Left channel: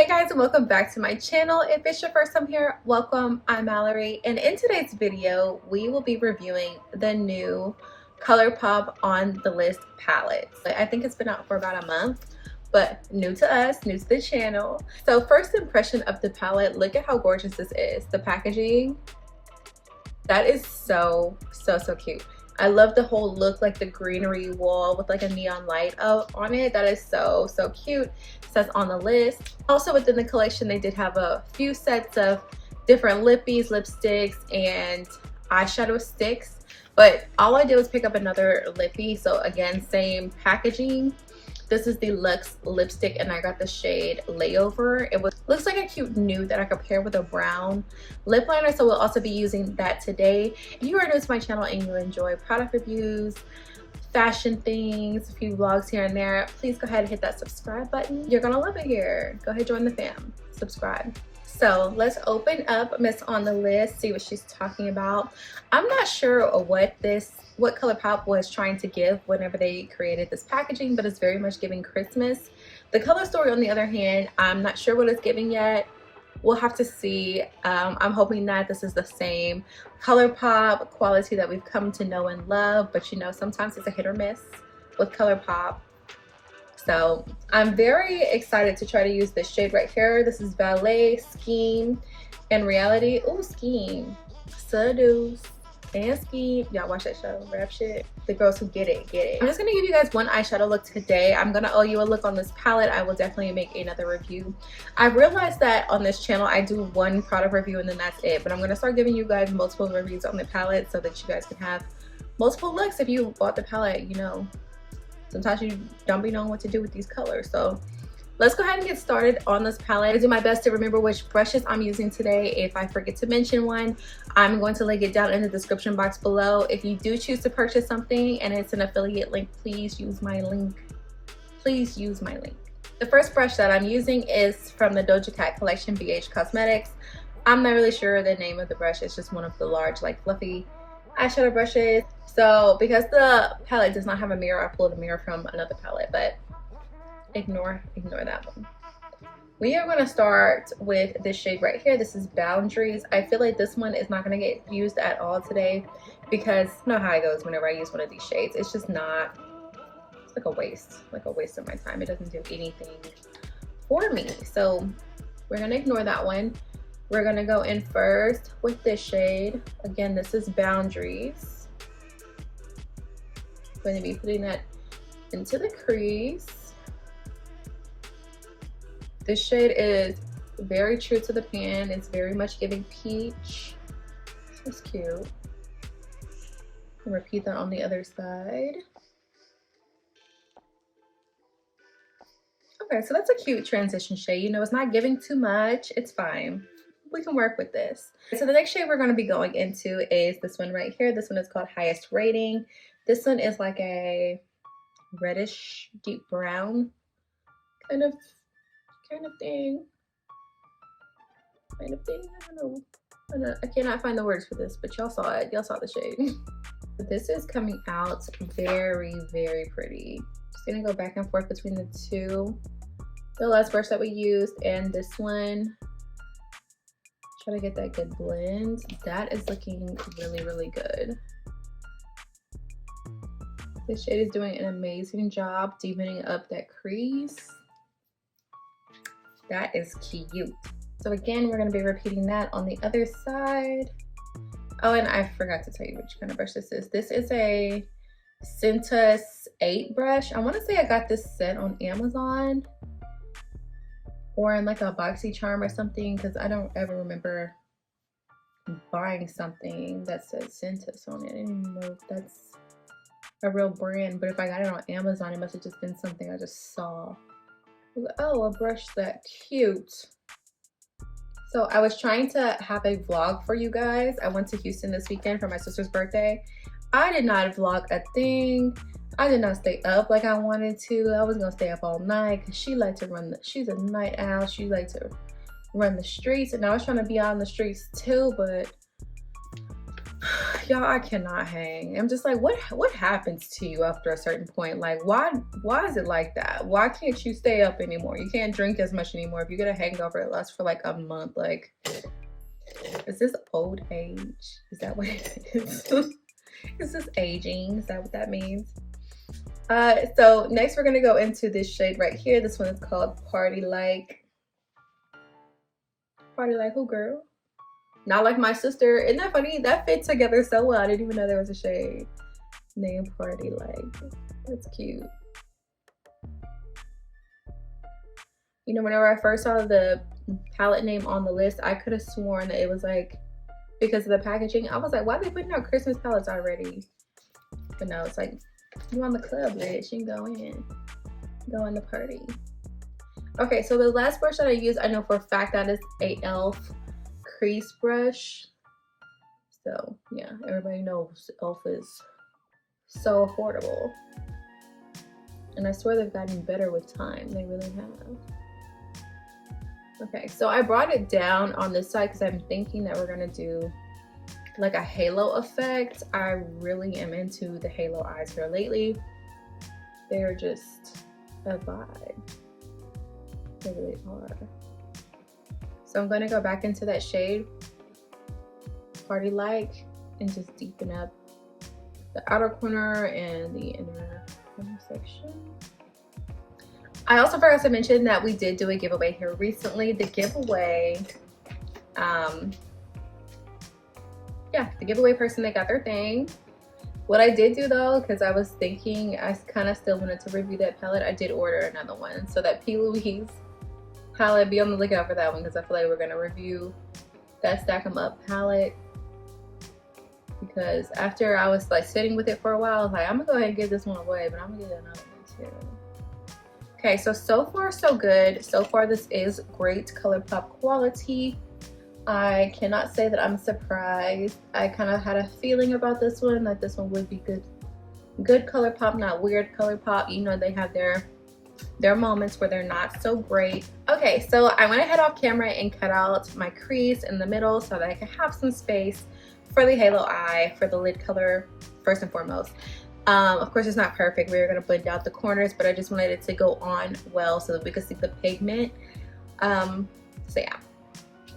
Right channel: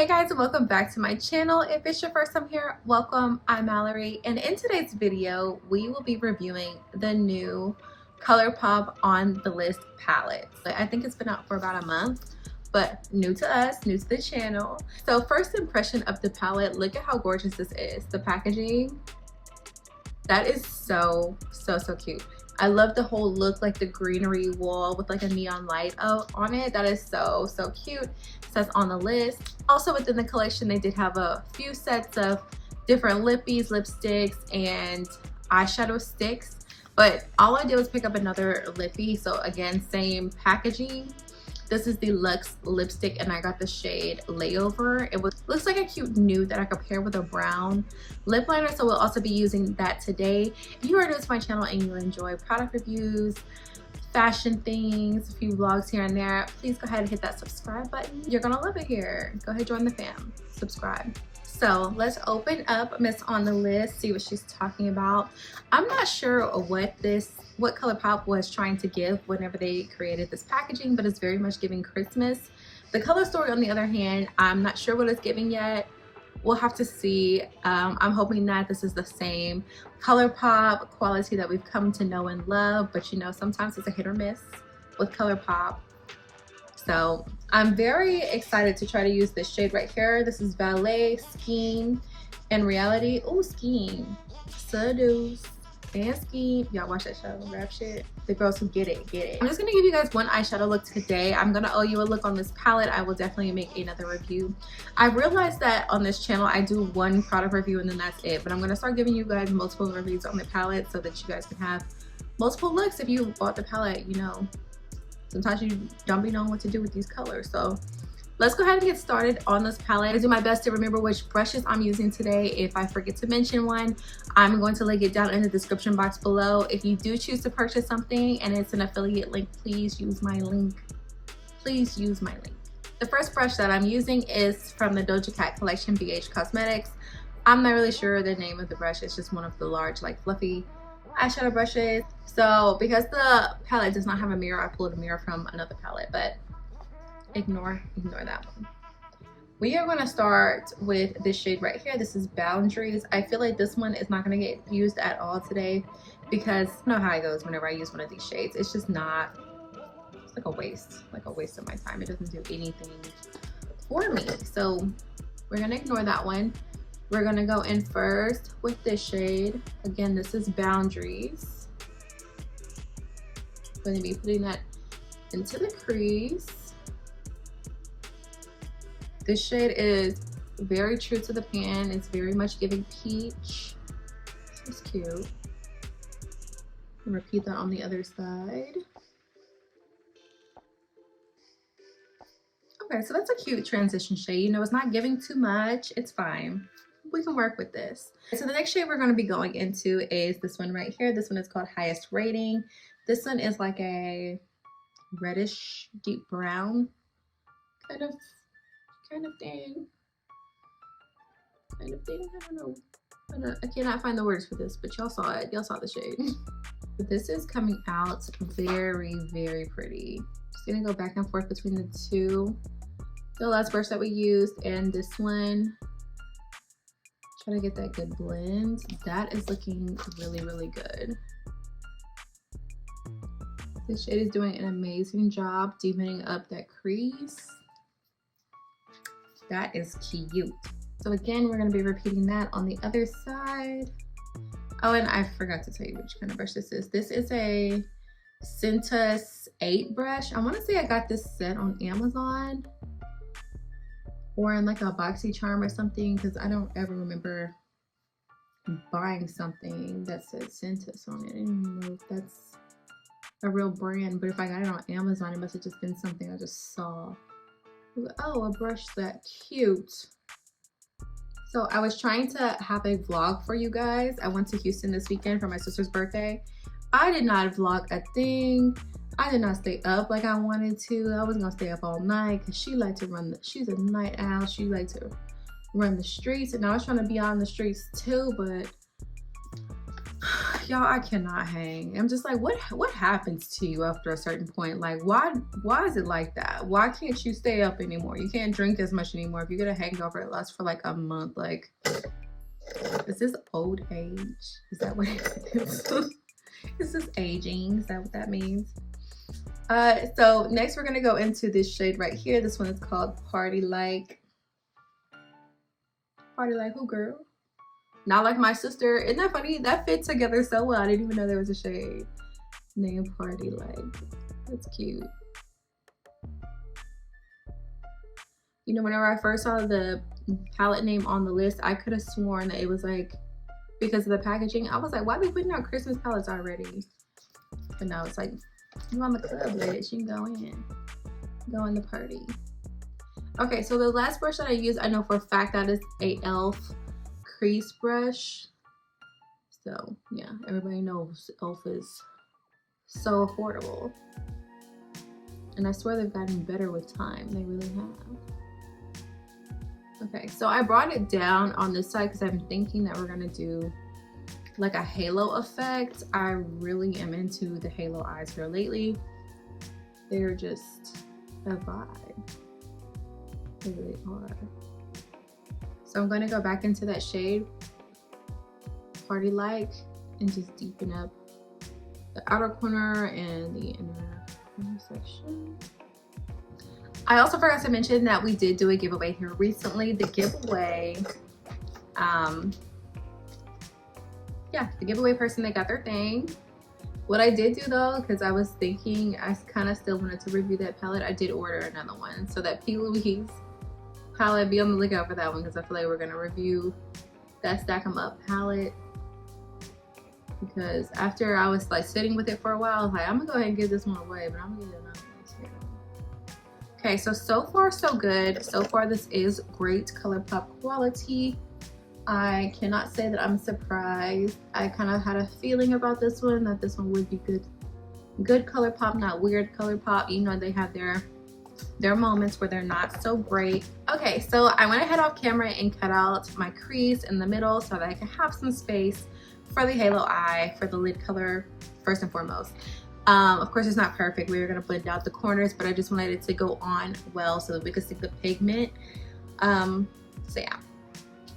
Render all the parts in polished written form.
Hey guys, and welcome back to my channel. If it's your first time here, welcome. I'm Malari, and in today's video we will be reviewing the new Colourpop On The List palette. I think it's been out for about a month, but new to us, new to the channel. So first impression of the palette, look at how gorgeous this is. The packaging, that is so cute. I love the whole look, like the greenery wall with like a neon light on it. That is so cute. It says On The List. Also within the collection, they did have a few sets of different lippies, lipsticks, and eyeshadow sticks. But all I did was pick up another lippy. So again, same packaging. This is the Luxe lipstick, and I got the shade Layover. It looks like a cute nude that I could pair with a brown lip liner, so we'll also be using that today. If you are new to my channel and you enjoy product reviews, fashion things, a few vlogs here and there, please go ahead and hit that subscribe button. You're gonna love it here. Go ahead, join the fam, subscribe. So let's open up Miss On The List, see what she's talking about. I'm not sure what Colourpop was trying to give whenever they created this packaging, but it's very much giving Christmas. The color story, on the other hand, I'm not sure what it's giving yet. We'll have to see. I'm hoping that this is the same Colourpop quality that we've come to know and love, but you know, sometimes it's a hit or miss with Colourpop. So I'm very excited to try to use this shade right here. This is Ballet, Scheme, and Reality. Oh, Scheme, Seduce, and Scheme. Y'all watch that show, rap shit. The girls who get it, get it. I'm just gonna give you guys one eyeshadow look today. I'm gonna owe you a look on this palette. I will definitely make another review. I've realized that on this channel, I do one product review and then that's it. But I'm gonna start giving you guys multiple reviews on the palette so that you guys can have multiple looks if you bought the palette, you know. Sometimes you don't be knowing what to do with these colors. So let's go ahead and get started on this palette. I do my best to remember which brushes I'm using today. If I forget to mention one, I'm going to link it down in the description box below. If you do choose to purchase something and it's an affiliate link, please use my link. Please use my link. The first brush that I'm using is from the Doja Cat collection, BH Cosmetics. I'm not really sure the name of the brush. It's just one of the large, like fluffy eyeshadow brushes. So because the palette does not have a mirror, I pulled a mirror from another palette, but ignore that one. We are going to start with this shade right here. This is Boundaries. I feel like this one is not going to get used at all today because you know how it goes whenever I use one of these shades. It's just not, it's like a waste of my time. It doesn't do anything for me. So we're going to ignore that one. We're going to go in first with this shade. Again, this is Boundaries. I'm going to be putting that into the crease. This shade is very true to the pan. It's very much giving peach. It's cute. And repeat that on the other side. Okay, so that's a cute transition shade. You know, it's not giving too much. It's fine. We can work with this. So the next shade we're going to be going into is this one right here. This one is called Highest Rating. This one is like a reddish deep brown kind of thing. I don't know. I cannot find the words for this, but y'all saw it. Y'all saw the shade. This is coming out very pretty. Just gonna go back and forth between the two. The last brush that we used and this one. Try to get that good blend. That is looking really good. This shade is doing an amazing job deepening up that crease. That is cute. So again, we're going to be repeating that on the other side. Oh, and I forgot to tell you which kind of brush this is. This is a Cintas 8 brush. I want to say I got this set on Amazon or in like a BoxyCharm or something, because I don't ever remember buying something that said Cintas on it. I don't even know if that's a real brand, but if I got it on Amazon, it must have just been something I just saw. Oh, a brush that cute. So I was trying to have a vlog for you guys. I went to Houston this weekend for my sister's birthday. I did not vlog a thing. I did not stay up like I wanted to. I was gonna stay up all night because she liked to run she's a night owl. She liked to run the streets, and I was trying to be on the streets too, but y'all, I cannot hang. I'm just like, what happens to you after a certain point? Like, why is it like that? Why can't you stay up anymore? You can't drink as much anymore. If you get a hangover, it lasts for like a month. Like, is this old age? Is that what it is? Is this aging? Is that what that means? So next we're gonna go into this shade right here. This one is called Party Like. Party Like who, girl? Not like my sister. Isn't that funny? That fit together so well. I didn't even know there was a shade named Party Like. That's cute. You know, whenever I first saw the palette name on the list, I could have sworn that it was like because of the packaging. I was like, why are they putting out Christmas palettes already? But no, it's like, you on the club, bitch. You can go in the party. Okay, so the last brush that I used, I know for a fact that is a e.l.f. crease brush. So yeah, everybody knows e.l.f. is so affordable. And I swear they've gotten better with time. They really have. Okay, so I brought it down on this side because I'm thinking that we're gonna do like a halo effect. I really am into the halo eyes here lately. They're just a vibe. They really are. So I'm going to go back into that shade, Party Like, and just deepen up the outer corner and the inner section. I also forgot to mention that we did do a giveaway here recently. The giveaway, the giveaway person, they got their thing. What I did do though, because I was thinking I kind of still wanted to review that palette, I did order another one. So that PLouise palette, be on the lookout for that one because I feel like we're gonna review that Stack 'em Up palette. Because after I was like sitting with it for a while, I was like, I'm gonna go ahead and give this one away, but I'm gonna get another one too. Okay, so far so good. So far this is great Colourpop quality. I cannot say that I'm surprised. I kind of had a feeling about this one, that this one would be good Colourpop, not weird Colourpop. You know, they have their moments where they're not so great. Okay, so I went ahead off camera and cut out my crease in the middle so that I could have some space for the halo eye, for the lid color, first and foremost. Of course, it's not perfect. We're gonna blend out the corners, but I just wanted it to go on well so that we could see the pigment. So yeah.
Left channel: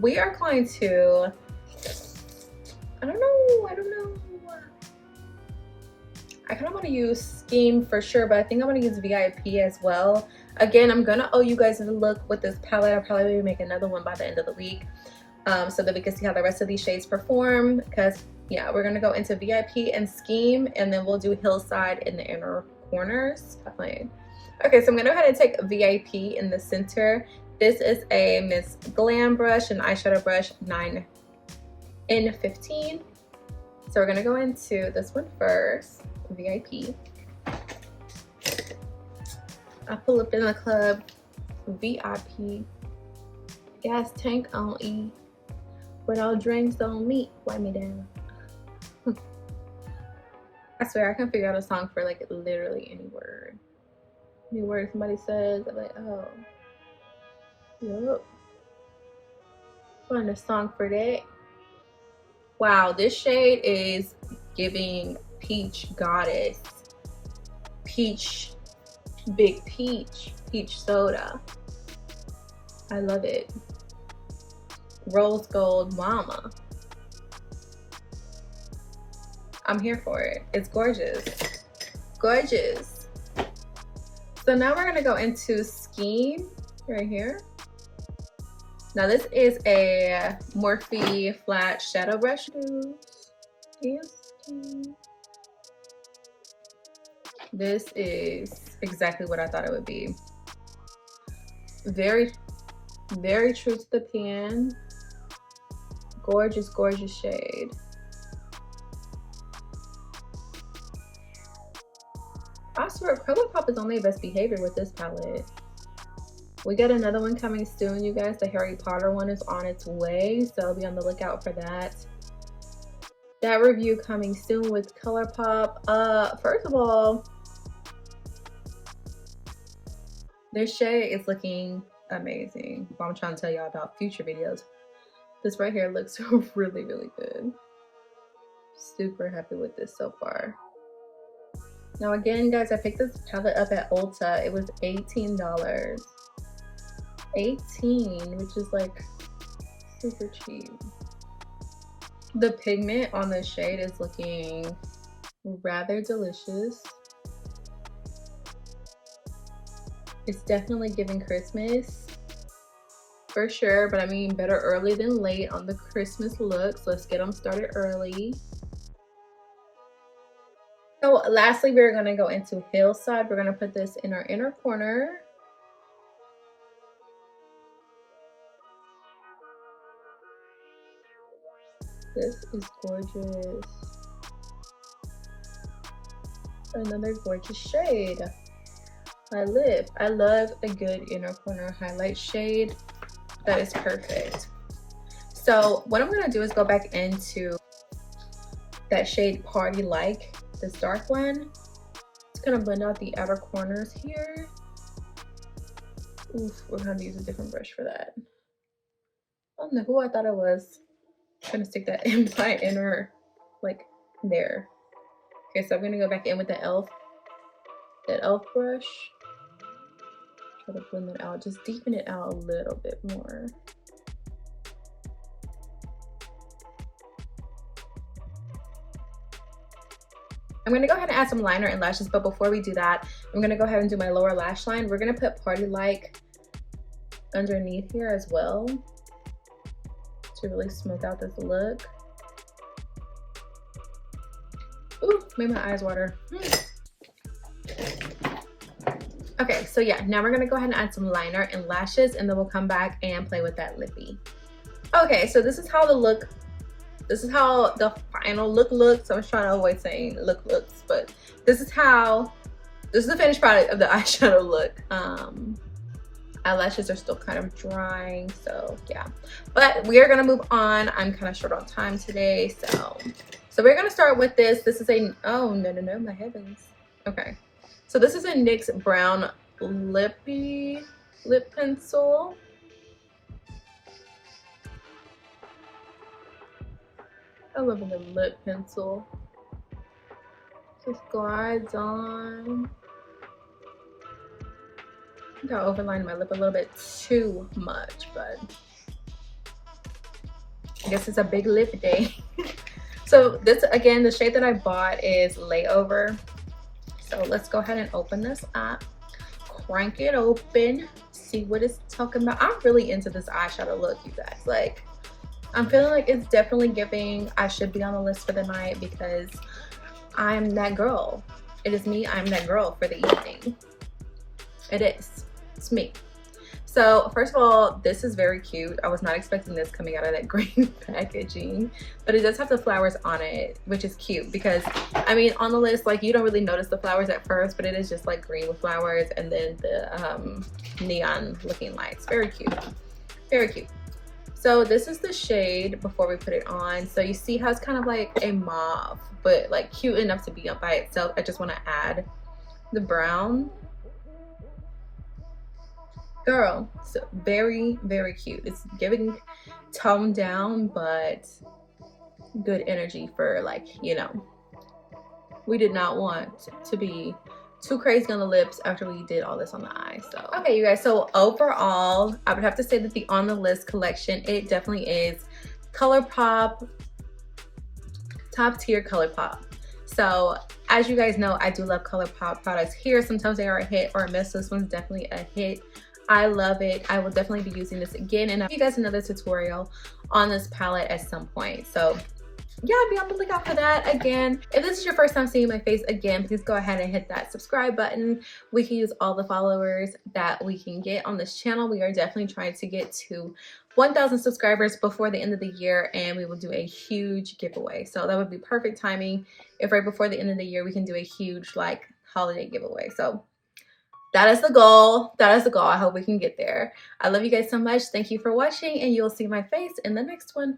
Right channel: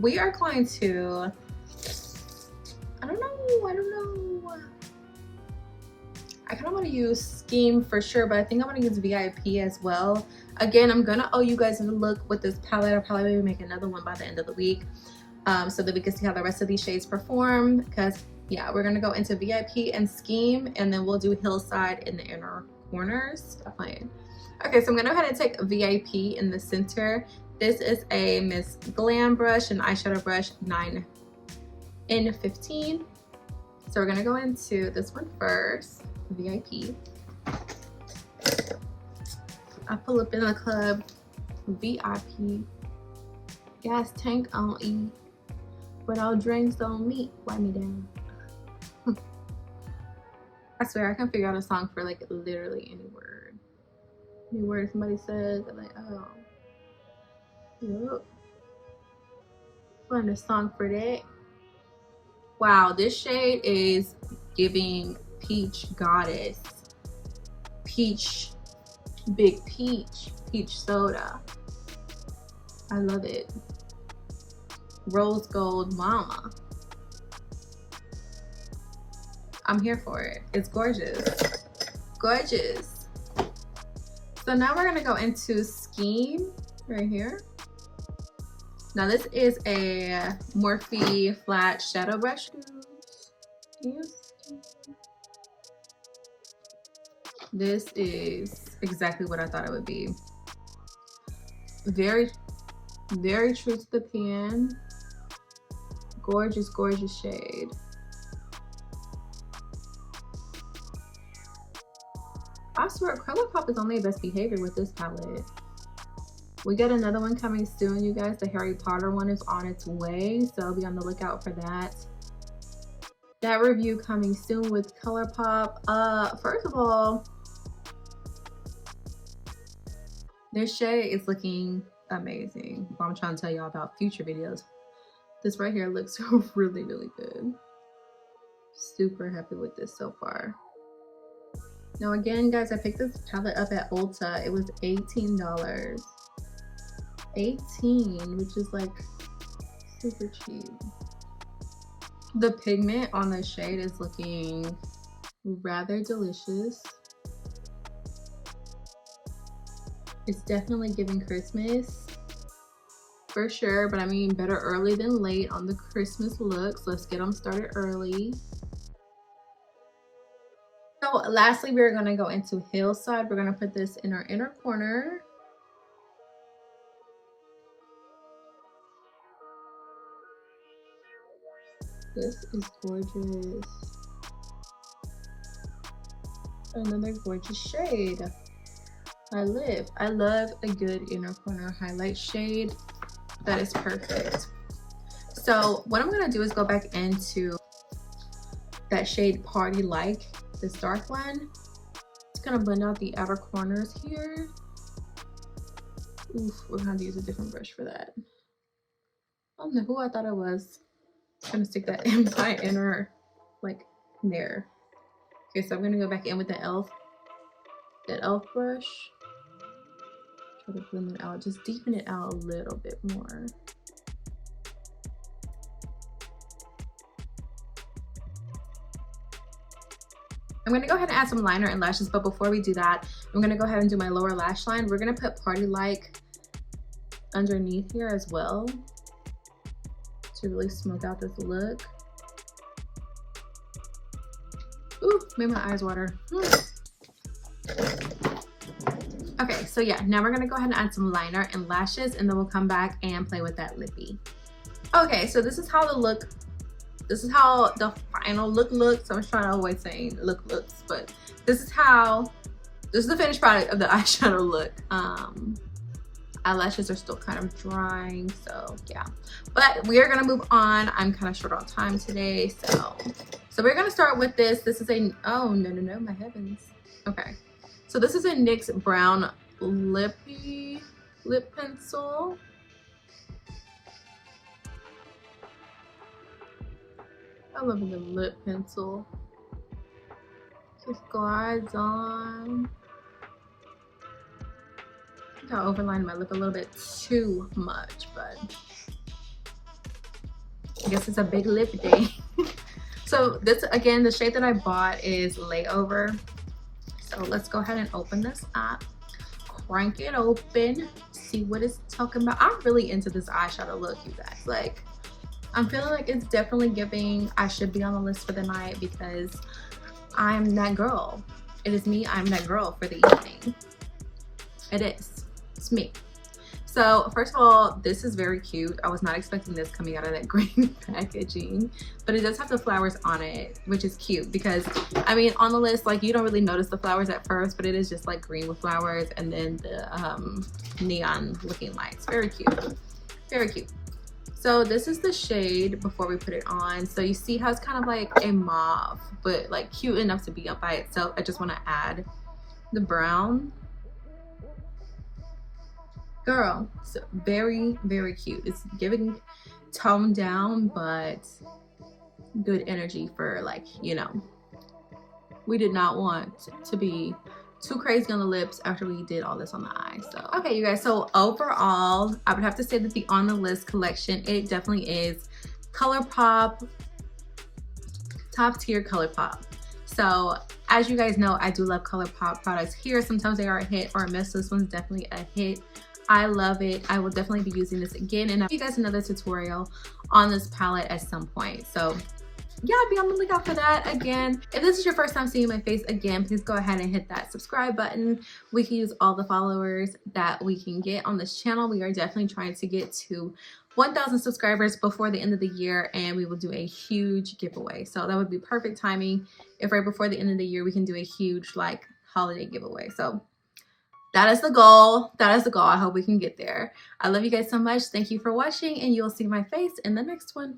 We are going to, I don't know. I kind of want to use Scheme for sure, but I think I'm going to use VIP as well. Again, I'm going to owe you guys a look with this palette. I'll probably maybe make another one by the end of the week so that we can see how the rest of these shades perform. Because yeah, we're going to go into VIP and Scheme, and then we'll do Hillside in the inner corners. Okay, so I'm going to go ahead and take VIP in the center. This is a Miss Glam brush, an eyeshadow brush 9 in 15. So we're gonna go into this one first, VIP. I pull up in the club, VIP. Gas tank on E, without drinks on me, wipe me down. I swear I can figure out a song for like literally any word. Any word somebody says, I'm like, oh. Yep. Find a song for that. Wow, this shade is giving peach goddess. Peach, big peach, peach soda. I love it. Rose gold mama. I'm here for it. It's gorgeous. Gorgeous. So now we're gonna go into Scheme right here. Now this is a Morphe flat shadow brush. This is exactly what I thought it would be. Very, very true to the pan. Gorgeous, gorgeous shade. I swear, Colourpop is on their best behavior with this palette. We got another one coming soon, you guys. The Harry Potter one is on its way, so be on the lookout for that. That review coming soon with Colourpop. First of all, this shade is looking amazing. Well, I'm trying to tell y'all about future videos. This right here looks really, really good. Super happy with this so far. Now again, guys, I picked this palette up at Ulta. It was $18. 18, which is like super cheap. The pigment on the shade is looking rather delicious. It's definitely giving Christmas for sure, but I mean, better early than late on the Christmas looks. Let's get them started early. So lastly, we're going to go into Hillside. We're going to put this in our inner corner. This is gorgeous. Another gorgeous shade. I love a good inner corner highlight shade. That is perfect. So what I'm going to do is go back into that shade Party Like, this dark one. Just gonna blend out the outer corners here. Oof, we're gonna have to use a different brush for that. I don't know who I thought it was. I'm gonna stick that in my inner, like there. Okay, so I'm gonna go back in with the that elf brush. Try to blend it out, just deepen it out a little bit more. I'm gonna go ahead and add some liner and lashes, but before we do that, I'm gonna go ahead and do my lower lash line. We're gonna put Party Like underneath here as well to really smoke out this look. Ooh, made my eyes water. Okay, so yeah, now we're gonna go ahead and add some liner and lashes, and then we'll come back and play with that lippy. Okay, so this is how the final look looks. I was trying to avoid saying looks, but this is the finished product of the eyeshadow look. Eyelashes are still kind of drying, so yeah. But we are gonna move on. I'm kind of short on time today, so we're gonna start with this. This is a, oh no, my heavens. Okay, so this is a NYX brown lip pencil. I love a lip pencil. Just glides on. I think I overlined my lip a little bit too much, but I guess it's a big lip day. So this, again, the shade that I bought is Layover. So let's go ahead and open this up. Crank it open. See what it's talking about. I'm really into this eyeshadow look, you guys. Like, I'm feeling like it's definitely giving I should be on the list for the night, because I'm that girl. It is me. I'm that girl for the evening. It is. It's me. So first of all, this is very cute. I was not expecting this coming out of that green packaging, but it does have the flowers on it, which is cute because, I mean, on the list, like, you don't really notice the flowers at first, but it is just like green with flowers and then the neon looking lights. Very cute. Very cute. So this is the shade before we put it on. So you see how it's kind of like a mauve, but like cute enough to be up by itself. I just want to add the brown. Girl, so very, very cute. It's giving toned down, but good energy for, like, you know, we did not want to be too crazy on the lips after we did all this on the eye. So okay, you guys, so overall I would have to say that the On The List collection, it definitely is Colourpop, top tier Colourpop. So as you guys know, I do love Colourpop products here. Sometimes they are a hit or a miss. This one's definitely a hit. I love it. I will definitely be using this again, and I'll give you guys another tutorial on this palette at some point. So yeah, be on the lookout for that. Again, if this is your first time seeing my face, again, please go ahead and hit that subscribe button. We can use all the followers that we can get on this channel. We are definitely trying to get to 1,000 subscribers before the end of the year, and we will do a huge giveaway. So that would be perfect timing if right before the end of the year we can do a huge, like, holiday giveaway. So that is the goal. That is the goal. I hope we can get there. I love you guys so much. Thank you for watching, and you'll see my face in the next one.